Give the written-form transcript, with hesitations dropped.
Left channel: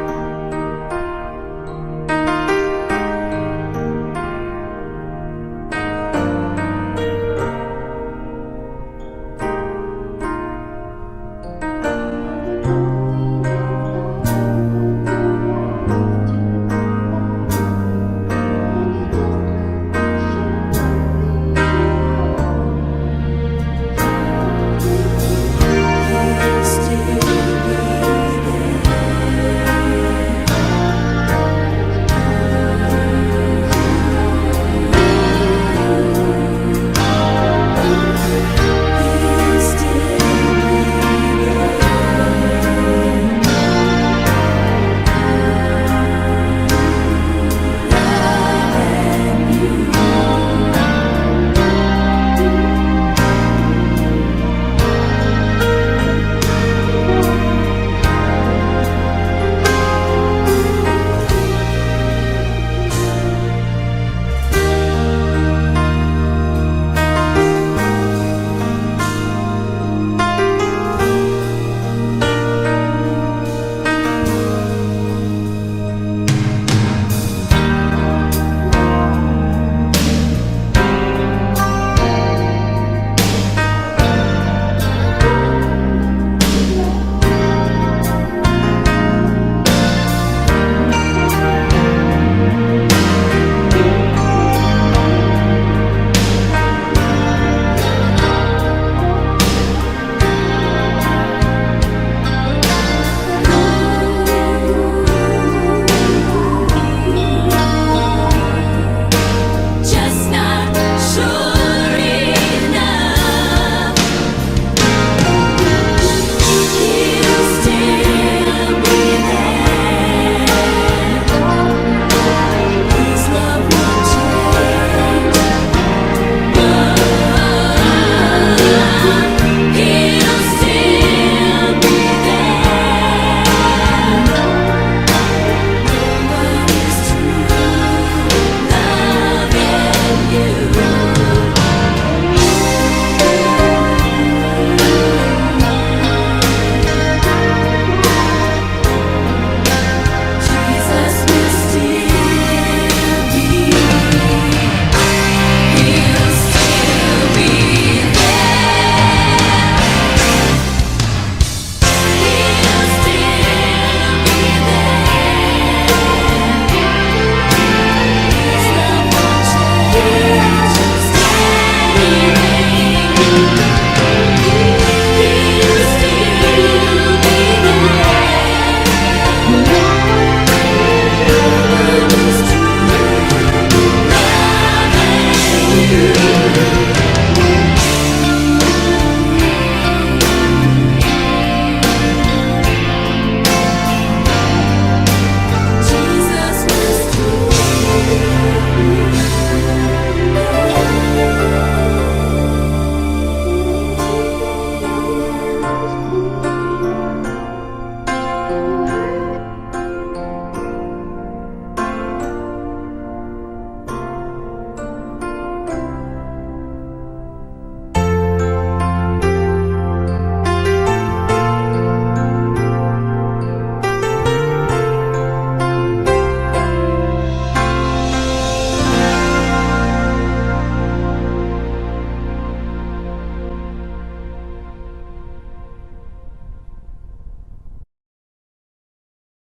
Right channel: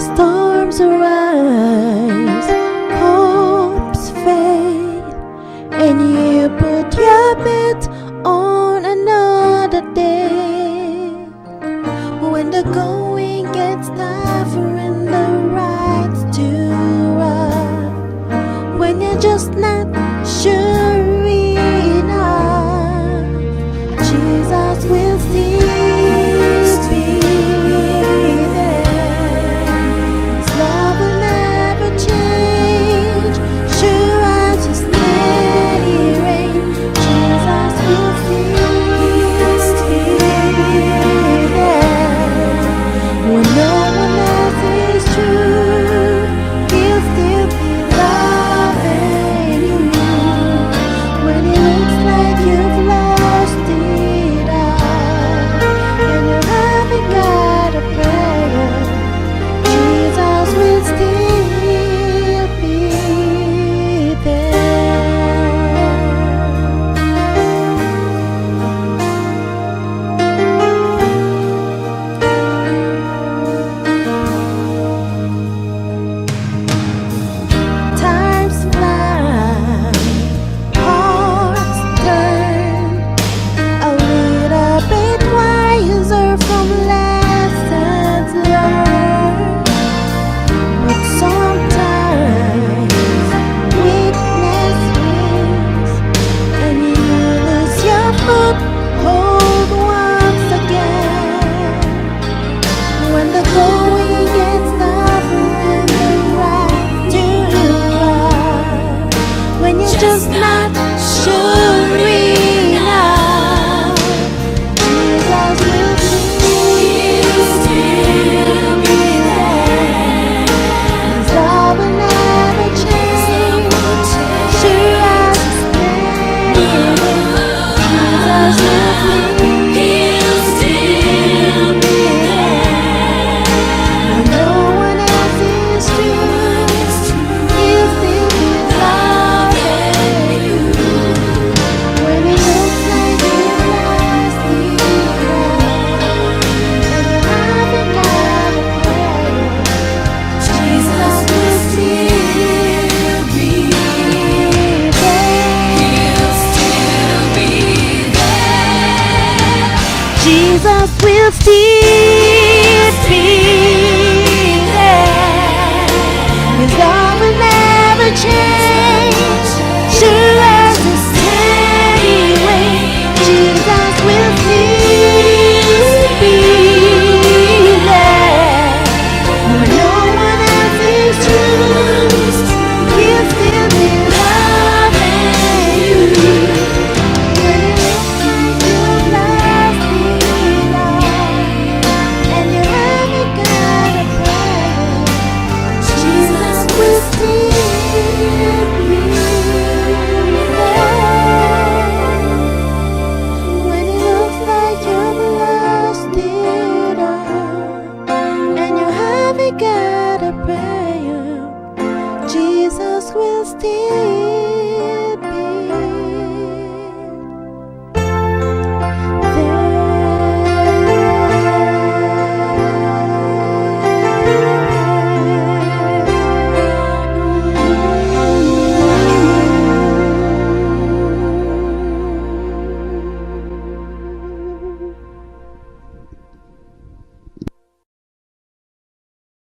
Storms arise, hopes fade, and you put your bet on another day. When the going gets tough and the rides to run, when you're just not sure enough, Jesus will still be there. Love will never change, sure as the steady rain. Jesus will still be there. When no one else is true, He'll still be loving you. When it looks like you've lost it all, when you haven't got a plan, Jesus will still be there. Times fly, hearts turn a little bit wiser from lessons learned. But sometimes weakness wins, and you lose your foothold once again. When the going gets tough and the ride to run, when you're just not sure enough, God will still be there. His love will never change, sure as He'll still be there. When no one else is true, He'll still be loving you. When it looks like you've lost it all, Jesus will still be there. He'll still be there. Jesus will still be there. His love will never change, sure as the steady rain. Jesus will still be there. When no one else is true, He'll still be loving you. When you've lost it all, and you haven't got a plan, Jesus will still be there. When it looks like you've lost it all, and you haven't got a prayer, Jesus will still